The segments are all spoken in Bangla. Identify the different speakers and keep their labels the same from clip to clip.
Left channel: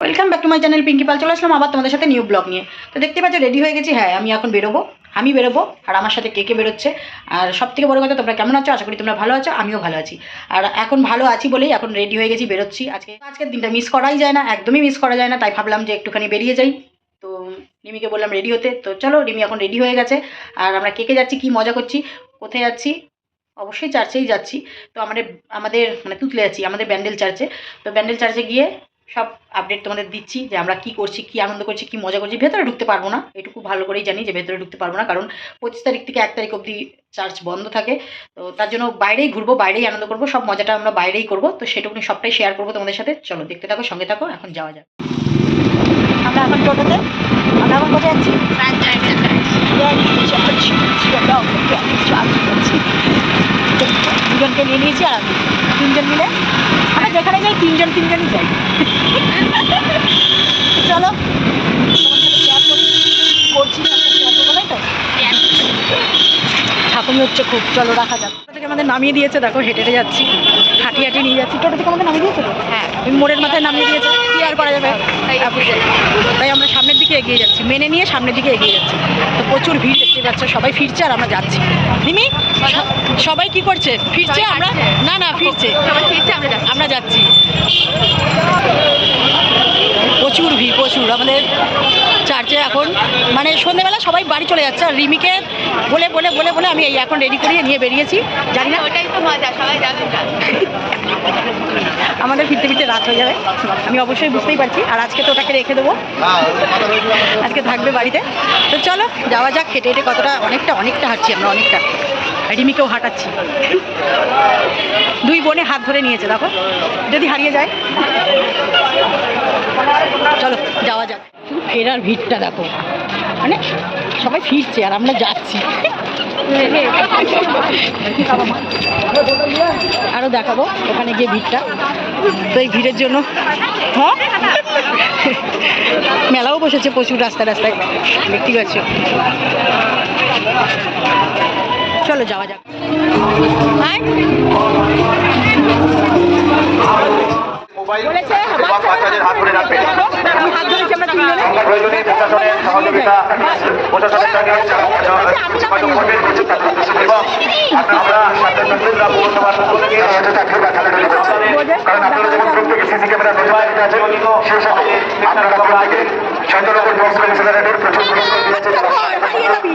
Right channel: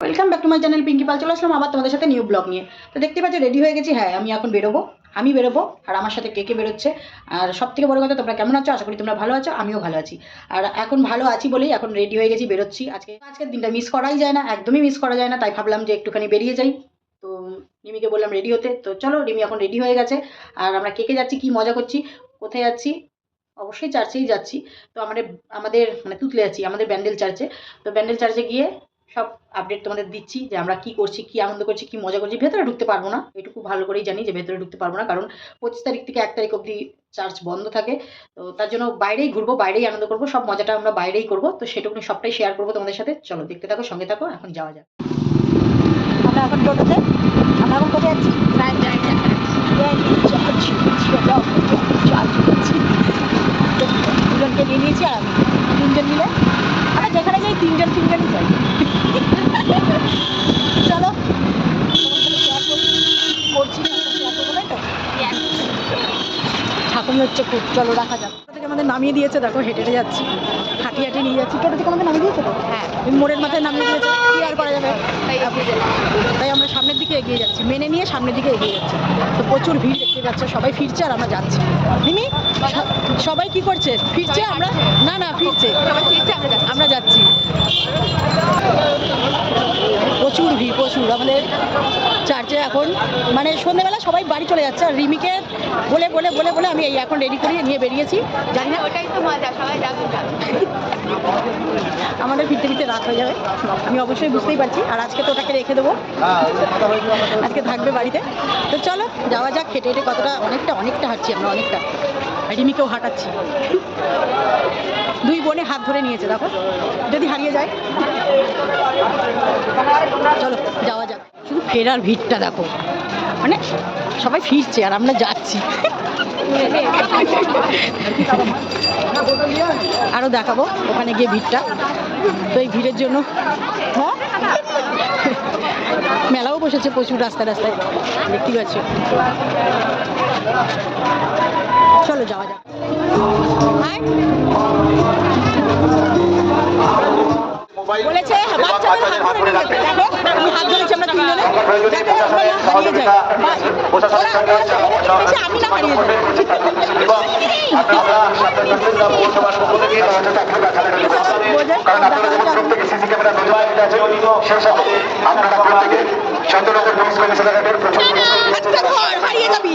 Speaker 1: Welcome back to my channel Pinky Pal চলে আসলাম আবার তোমাদের সাথে নিউ ব্লগ নিয়ে। তো দেখতে পাচ্ছ রেডি হয়ে গেছি? হ্যাঁ আমি এখন বেরোবো। আমি বেরোবো, আর আমার সাথে কে কে বেরোচ্ছে? আর সব থেকে বড় কথা, তোমরা কেমন আছো? আশা করি তোমরা ভালো আছো, আমিও ভালো আছি। আর এখন ভালো আছি বলেই এখন রেডি হয়ে গেছি, বেরোচ্ছি। আজকে, আজকের দিনটা মিস করাই যায় না, একদমই মিস করা যায় না, তাই ভাবলাম যে একটুখানি বেরিয়ে যাই। তো রিমিকে বললাম রেডি হতে। তো চলো, রিমি এখন রেডি হয়ে গেছে। আর আমরা কে কে যাচ্ছি, কী মজা করছি, কোথায় যাচ্ছি? অবশ্যই চার্চেই যাচ্ছি। তো আমাদের আমাদের মানে তুতলে যাচ্ছি আমাদের ব্যান্ডেল চার্চে তো ব্যান্ডেল চার্চে গিয়ে সব আপডেট তোমাদের দিচ্ছি যে আমরা কি করছি, কি আনন্দ করছি, কি মজা করছি। ভেতরে ঢুকতে পারব না। এটুকু ভালো করেই জানি যে ভেতরে ঢুকতে পারব না, কারণ পঁচিশ তারিখ থেকে এক তারিখ অবধি চার্চ বন্ধ থাকে। তো তার জন্য বাইরেই ঘুরবো, বাইরেই আনন্দ করব, সব মজাটা আমরা বাইরেই করব। তো সেটুকুনি সবটাই শেয়ার করব তোমাদের সাথে। চলো, দেখতে থাকো, সঙ্গে থাকো, এখন যাওয়া যাক। আমরা এখন টোটোতে আমরা এখন কোথায় যাচ্ছি? দুজনকে নিয়ে নিয়েছি আর আমি। তিনজন মিলে? আমরা যেখানে যাই তিনজন তিনজনই যাই। চলো করছি ঠাকুর হচ্ছে খুব চলো রাখা যাক। আমাদের নামিয়ে দিয়েছে দেখো হেঁটে হেঁটে যাচ্ছি হাঁটি হাঁটি নিয়ে যাচ্ছি। টোটো থেকে আমাদের নামিয়ে দিয়েছে তো? হ্যাঁ। মোড়ের মাথায় নামিয়ে দিয়েছে কি আর করা যাবে? তাই আমরা সামনের দিকে এগিয়ে যাচ্ছি মেনে নিয়ে সামনের দিকে এগিয়ে যাচ্ছি। তো প্রচুর ভিড় দেখতে পাচ্ছ সবাই ফিরছে আর আমরা যাচ্ছি। মিমি সবাই কি করছে? ফিরছে আমরা? না না ফিরছে। আমরা যাচ্ছি। প্রচুর ভিড় প্রচুর। আমাদের চার্চে এখন মানে সন্ধ্যেবেলা সবাই বাড়ি চলে যাচ্ছে। আর রিমিকে বলে বলে বলে বলে আমি এই এখন রেডি করিয়ে নিয়ে বেরিয়েছি। জানি না।
Speaker 2: ওটাই তো মজা সবাই যাবে
Speaker 1: আমাদের ফিরতে ফিরতে রাত হয়ে যাবে। আমি অবশ্যই বুঝতেই পারছি। আর আজকে তো ওটাকে রেখে দেবো। আজকে থাকবে বাড়িতে। তো চলো যাওয়া যাক। হেঁটে হেঁটে কতটা অনেকটা অনেকটা হাঁটছি আমরা অনেকটা। রিমিকেও হাঁটাচ্ছি। দুই বোনে হাত ধরে নিয়েছে দেখো। যদি হারিয়ে যায়। চলো যাওয়া যাক। শুধু ফেরার ভিড়টা দেখো। মানে সবাই ফিরছে আর আমরা যাচ্ছি। আরও দেখাবো ওখানে গিয়ে ভিড়টা। তো এই ভিড়ের জন্য হ্যাঁ? মেলাও বসেছে প্রচুর রাস্তায় রাস্তায়। দেখতেই পাচ্ছ। চলো যাওয়া যাক। বলেছে বাচ্চাদের হাত ধরে নিয়ে যেতে। দেখো, আমি হাত ধরেছি আমরা তিনজনে। যাতে আমরা হারিয়ে যাই বা ওরা ওরা ওরা চেয়েছে আমি না হারিয়ে যাই। হারিয়ে যাবি।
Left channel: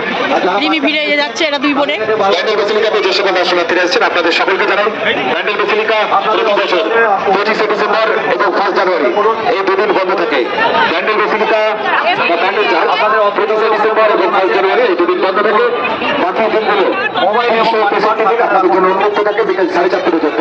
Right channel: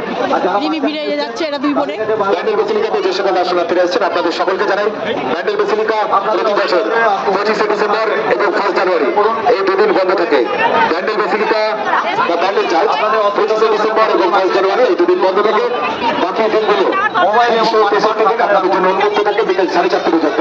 Speaker 1: রিমি ভিড়ে যাচ্ছে এরা দুই বোনে।
Speaker 3: বেসিলিকাতে যে সকল দর্শনার্থীরা এসেছেন, আপনাদের সকলকে জানান, ব্যান্ডেল বেসিলিকা প্রতি বছর পঁচিশে ডিসেম্বর দুদিন বন্ধ থাকে। ব্যান্ডেল বেসিলিকা বা জানুয়ারি এই দুদিন বন্ধ থাকে। বাকি দিনগুলো আপনাদের জন্য উন্মুক্ত থাকে, বিকেল সাড়ে চারটে পর্যন্ত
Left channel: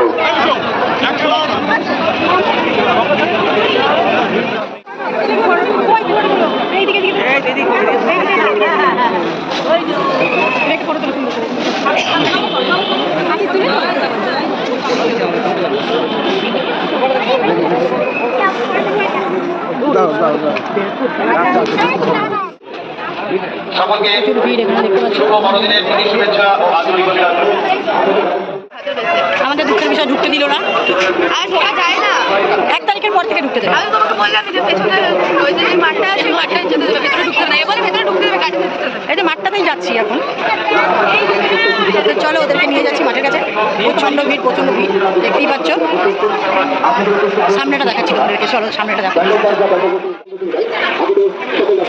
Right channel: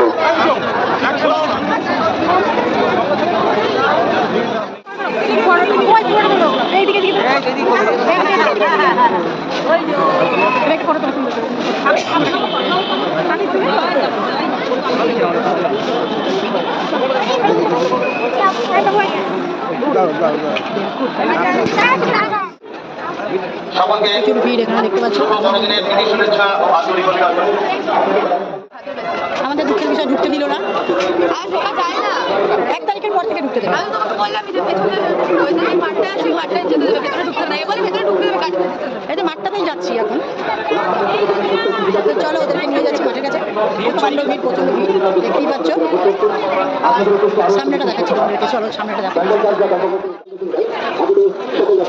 Speaker 3: সকলকে
Speaker 1: প্রচুর ভিড় এখানে দেখতে পাচ্ছ আমাদের দুঃখের বিষয় ঢুকতে দিল না।
Speaker 2: আর ঢোকা যায় না।
Speaker 1: এক তারিখের পর থেকে ঢুকতে দেবে।
Speaker 2: আমি তোমাকে বললাম যে পেছনে ওই যে মাঠটা আছে মাঠটায় যেতে দেবে ভেতরে ঢুকতে না। এবারে ভেতরে ঢুকতে দেবে গাড়িতে দিতে দেবে।
Speaker 1: এই যে মাঠটাতেই যাচ্ছি এখন। চলো ওদেরকে নিয়ে যাচ্ছি মাঠের কাছে। প্রচণ্ড ভিড় প্রচণ্ড ভিড়। দেখতেই পাচ্ছ। সামনেটা দেখাচ্ছি তোমাদেরকে। চলো সামনেটা দেখো।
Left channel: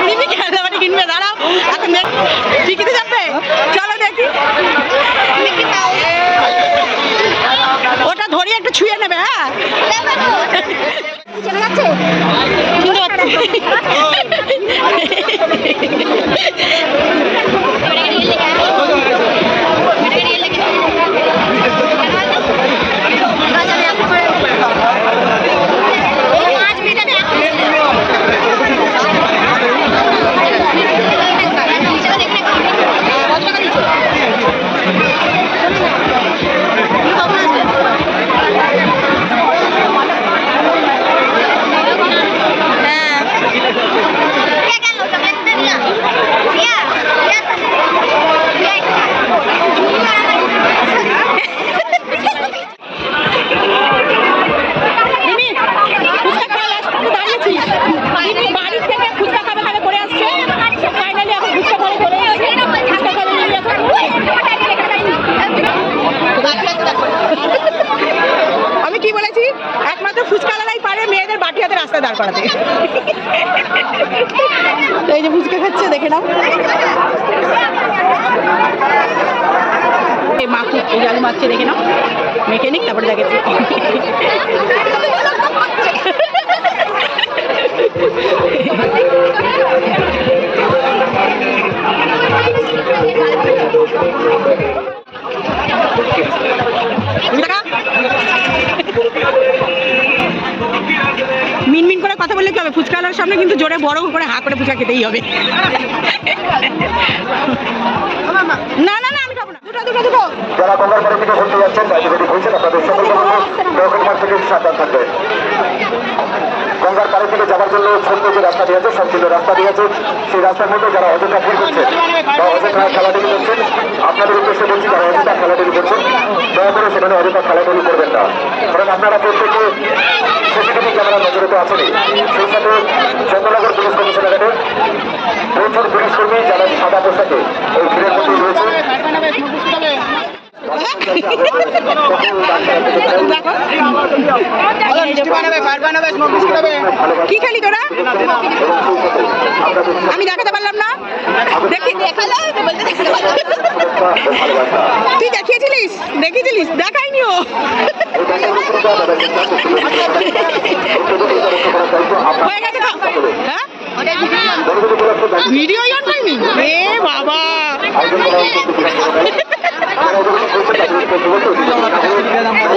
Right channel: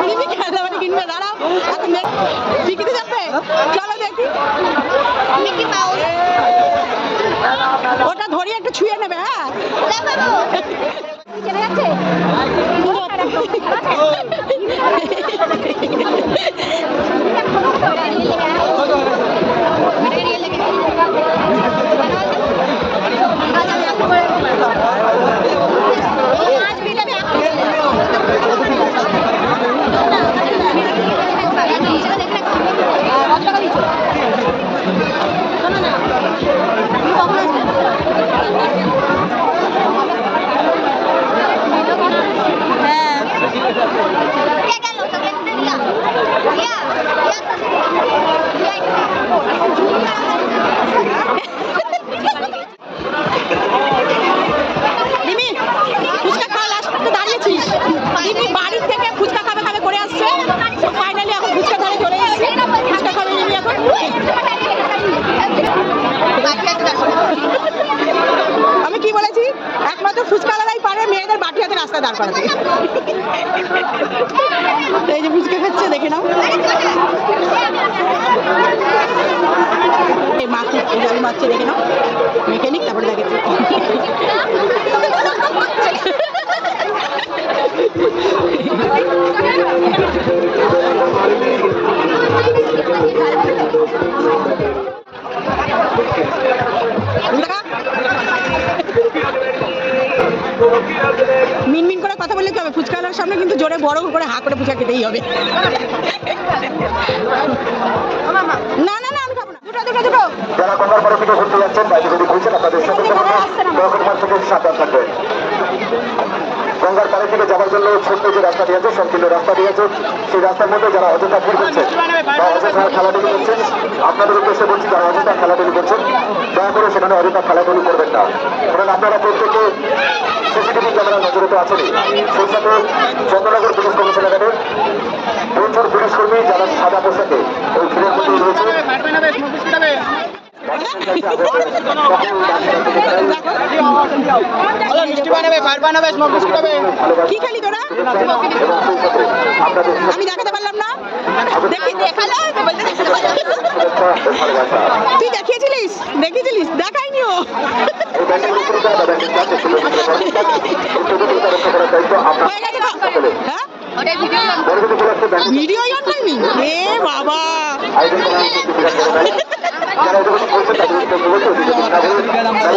Speaker 1: রিমি খেলনা বাটি কিনবে? দাঁড়াও এখন দেখ যাবে? চলো দেখি। ওটা ধরিয়ে একটু ছুঁয়ে নেবে হ্যাঁ? কিনতে পারছি মেয়েদের বাটি হাতে রাস্তা দাঁড় করাতে। তো এই যে ফুচকা খাচ্ছে, দেখে নাও। এই মাখু আলু মাখছে দেখে নাও। মেকানিক তারপরে দেখেছি দেখা? মিনমিন করে কথা বললে কি হবে? ফুচকাওয়ালার সামনে কিন্তু জোরে বড় করে হা করে ফুচকা খেতেই হবে। না না না আমি খাব না। দুটো দুটো দুটো
Speaker 3: যারা গঙ্গার পাড়ে থেকে ঘুরতে যাচ্ছেন বাইরে যদি ঘুরছেন আপনাদের সকলকে গঙ্গার থেকে সাবধান থাকবে গঙ্গার পাড়ে থেকে যাওয়ার জন্য ছোট্ট যে রাস্তা দিয়েছে সংকীর্ণ রাস্তা দিয়েছে সেই রাস্তার মধ্যে যারা অযথা ভিড় করছেন বা অযথা খেলাধুলি করছেন আপনাদের উদ্দেশ্যে বলছি যারা অযথা খেলাধুলি করছেন দয়া করে সেখানে অযথা খেলাধুলি করবেন না। কারণ আপনারা প্রত্যেকে ক্যামেরার নজরে তো আছেনই সেই সাথে চন্দ্রনগর পুলিশ কমিশনারের প্রচুর পুলিশ কর্মী যারা সাদা পোশাকে ওই ভিড়ের মধ্যে
Speaker 1: কি খালি তোরা? আমি দেখাতে পারলাম না। দেখি, দেখাল? তুই দেখিয়েছিলিস? দেখিয়েছিলিস? দেখাইনি ও। হয়ে গেছে হ্যাঁ ভিডিও অন করিনি এ বাবা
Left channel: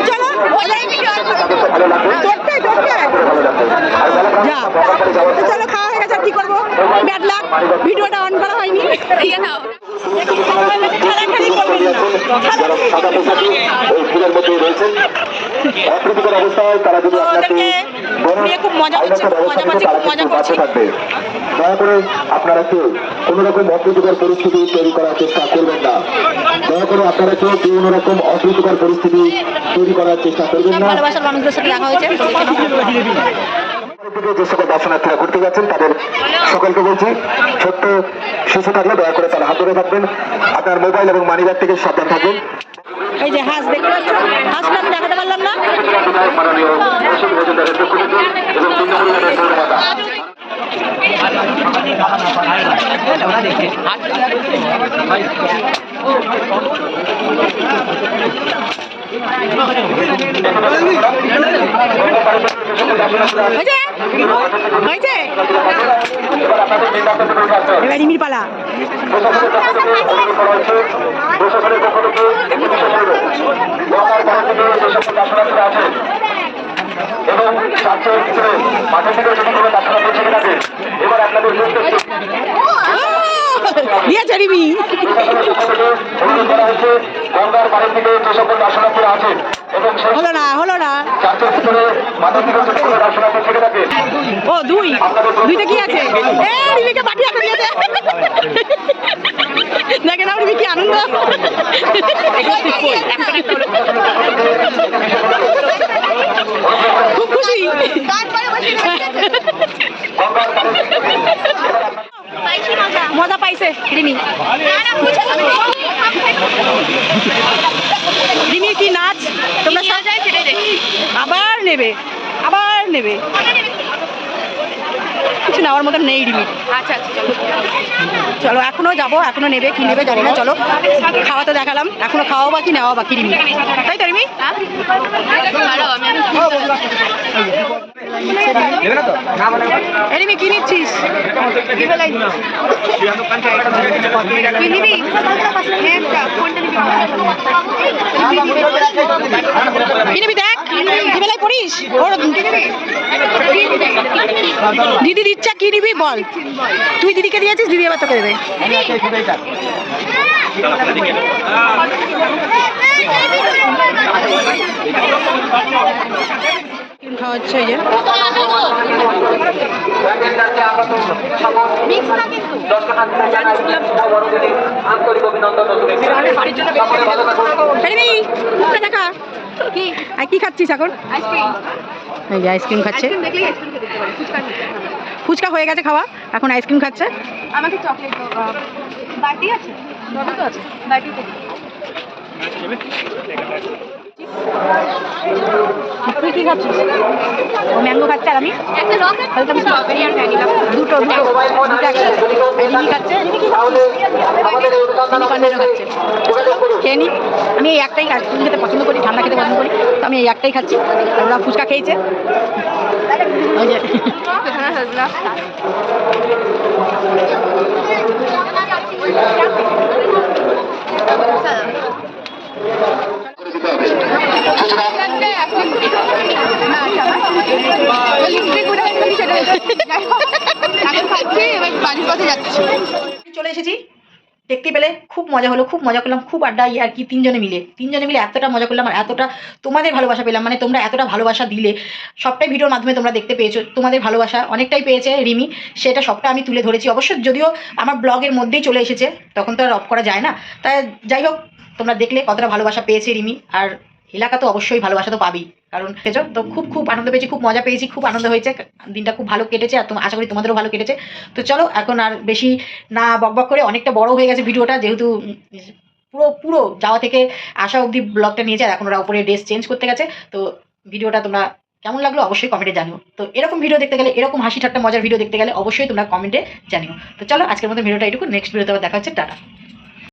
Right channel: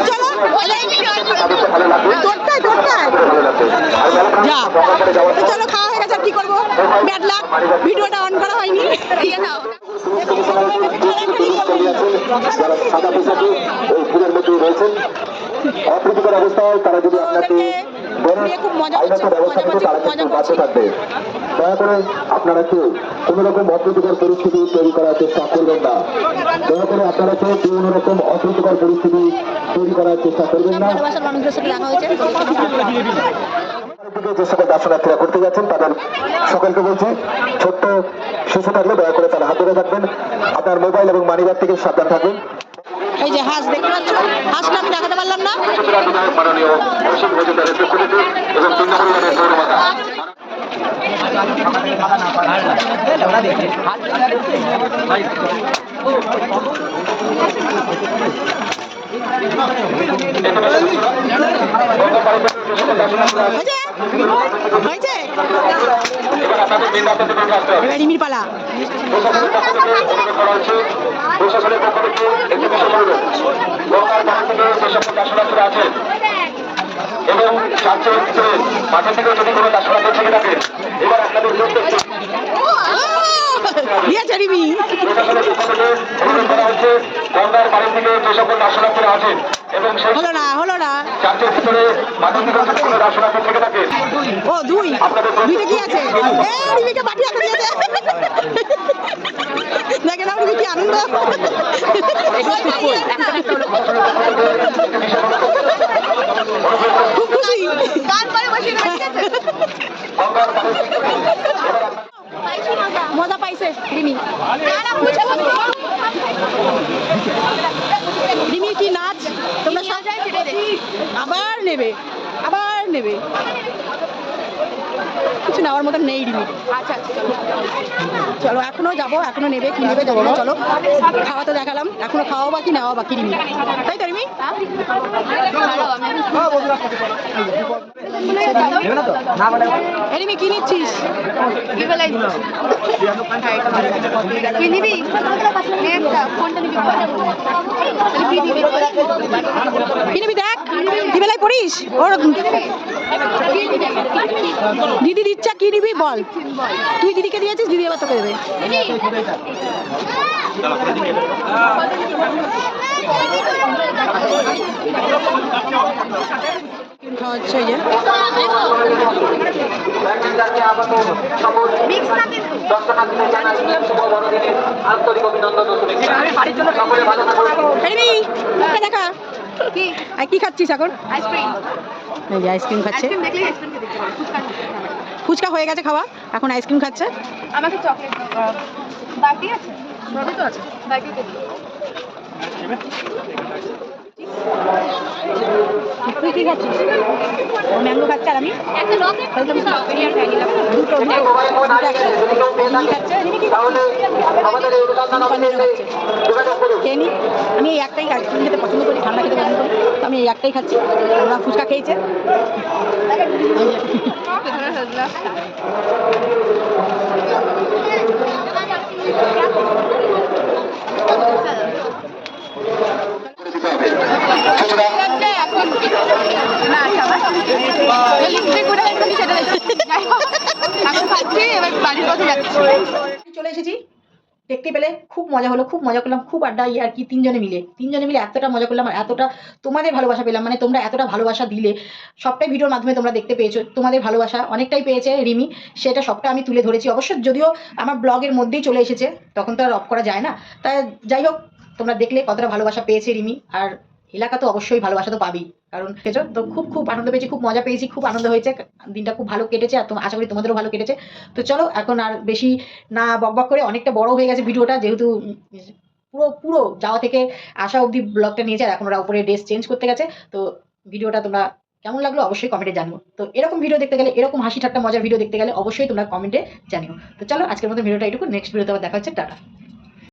Speaker 1: চলো দৌড়টাই দৌড়টাই যা চলো খাওয়া হয়ে গেছে কি করব ব্যাড লাক ভিডিওটা অন করা হয়নি
Speaker 2: নাও
Speaker 1: খেলাখালি করবেন না
Speaker 3: যারা সাদা পোশাকে ওই ফুলের মধ্যে রয়েছেন অপ্রীতিকর অবস্থায় তারা যদি
Speaker 1: তো ওদেরকে খুব মজা করছে, খুব মজা পাচ্ছি, খুব মজা করছি।
Speaker 3: দয়া করে আপনারা কেউ কোনো রকম অপ্রীতিকর পরিস্থিতি তৈরি করার চেষ্টা করবেন না দয়া করে আপনারা কেউ কোনো রকম অপ্রীতিকর পরিস্থিতি তৈরি করার চেষ্টা করবেন না
Speaker 1: ভালোবাসার মানুষদের সাথে দেখা হয়েছে।
Speaker 3: দিকে যে সকল দর্শনার্থীরা ঘুরতে যাচ্ছেন তাদের সকলকে বলছি ছোট্ট শিশু থাকলে দয়া করে তারা হাত ধরে থাকবেন। আপনার মোবাইল এবং মানিব্যাগ থেকে সাবধান থাকুন।
Speaker 1: এই যে হাঁস দেখতে পাচ্ছ? হাঁসটা আমি দেখাতে পারলাম না। হয়েছে হয়েছে এবার রিমির পালা।
Speaker 3: এবং ছাত্র মাঠের দিকে যদি কোনো দর্শনার্থী থেকে থাকেন এবার আপনাদের নিয়োগ করছি
Speaker 1: দিয়েছে রিমি।
Speaker 3: অনুরোধ গঙ্গার বাড়ি থেকে যে সকল দর্শনার্থীরা আছেন
Speaker 1: হলো না হলো না। ও, দুই। দুইটা কি আছে? এ, রিমিকে পাঠিয়ে হাতে দিয়েছে কি আনন্দ। খুব খুশি। মজা পাইছে রিমি কি নাচ তোমরা সব
Speaker 2: যায় সেটাই দেখি
Speaker 1: আবার নেবে আবার নেবে। কিছু নেওয়ার মতন নেই রিমিট
Speaker 2: আচ্ছা চলো।
Speaker 1: চলো এখনও যাব এখনও নেবে কি নেবে জানি না চলো। খাওয়া তো দেখালাম এখনও খাওয়া বাকি নেওয়া বাকি রিমি। তাই তো রিমি?
Speaker 2: দাঁড়াও
Speaker 1: কি নিচ্ছিস?
Speaker 2: কি নিবি?
Speaker 1: কি নিবি দিদি দিচ্ছে, কি নিবি বল। তুই দিদিকে দিয়েছিস, দিদি এবার তোকে দেবে। খাওয়া হচ্ছে যে।
Speaker 2: কি?
Speaker 1: আর কি খাচ্ছিস এখন?
Speaker 2: আইসক্রিম
Speaker 1: এই যে আইসক্রিম খাচ্ছে।
Speaker 2: ফুচকা
Speaker 1: হয়ে গেছে খাওয়া এখন আইসক্রিম খাচ্ছে।
Speaker 2: আমাকে চকলেট বাটি আছে? সবই তো আছে। বাটি
Speaker 1: তুই কি খাচ্ছিস? ও ম্যাঙ্গো খাচ্ছে আর আমি? দুটো দুটো। দুটো একসাথে। রিমি খাচ্ছে। কি খেয়ে নি। আমি এই একটাই খাচ্ছি। তুমি খেতে পছন্দ করি ঠান্ডা খেতে পছন্দ করি তো আমি এই একটাই খাচ্ছি। ওরা ফুচকা খেয়েছে।
Speaker 2: হ্যাঁ হ্যাঁ
Speaker 3: সুতরাং
Speaker 2: লাগছে এখন না সবাই ওই লিপস্টিক কোথায় রেখেছি সেটা দেখছি এখন খাচ্ছি এবার
Speaker 1: চলে এসেছি। দেখতে পেলে খুব মজা হলো, খুব মজা করলাম, খুব আড্ডা আর কি, তিনজনে মিলে। তিনজনে মিলে এতটা মজা করলাম আর এতটা তোমাদের ভালোবাসা পেলাম মানে তোমরা এতটা ভালোবাসা দিলে, সবটাই ভিডিওর মাধ্যমে তোমরা দেখতে পেয়েছ, তোমাদের ভালোবাসা অনেকটাই পেয়েছে রিমি, সেটা সবটা আমি তুলে ধরেছি। অবশ্য যদিও আমার ব্লগের মধ্যেই চলে এসেছে, তখন তো আর অফ করা যায় না। তাই যাই হোক, তোমরা দেখলে কতটা ভালোবাসা পেয়েছে রিমি, আর এলাকা তো অবশ্যই ভালোবাসা তো পাবি কারণ পেয়েছ? তো খুব খুব আনন্দ পেয়েছি, খুব মজা পেয়েছি, খুব আনন্দ হয়েছে। দিনটা খুব ভালো কেটেছে আর আশা করি তোমাদেরও ভালো কেটেছে। তো চলো, এখন আর বেশি না বকবক করে অনেকটা বড় হয়ে গেছে ভিডিওটা, যেহেতু পুরো পুরো যাওয়া থেকে আসা অবধি ব্লগটা নিয়েছে আর এখন ওরা উপরে ড্রেস চেঞ্জ করতে গেছে। তো ভিডিওটা তোমরা কেমন লাগল অবশ্যই কমেন্টে জানিও। তো এরকম ভিডিও দেখতে গেলে, এরকম হাসি ঠাট্টা মজার ভিডিও দেখতে গেলে অবশ্যই তোমরা কমেন্টে জানিও। তো চলো, আজকের মতো ভিডিওটা এটুকু নেক্সট ভিডিওতে আবার দেখা হচ্ছে। টাটা।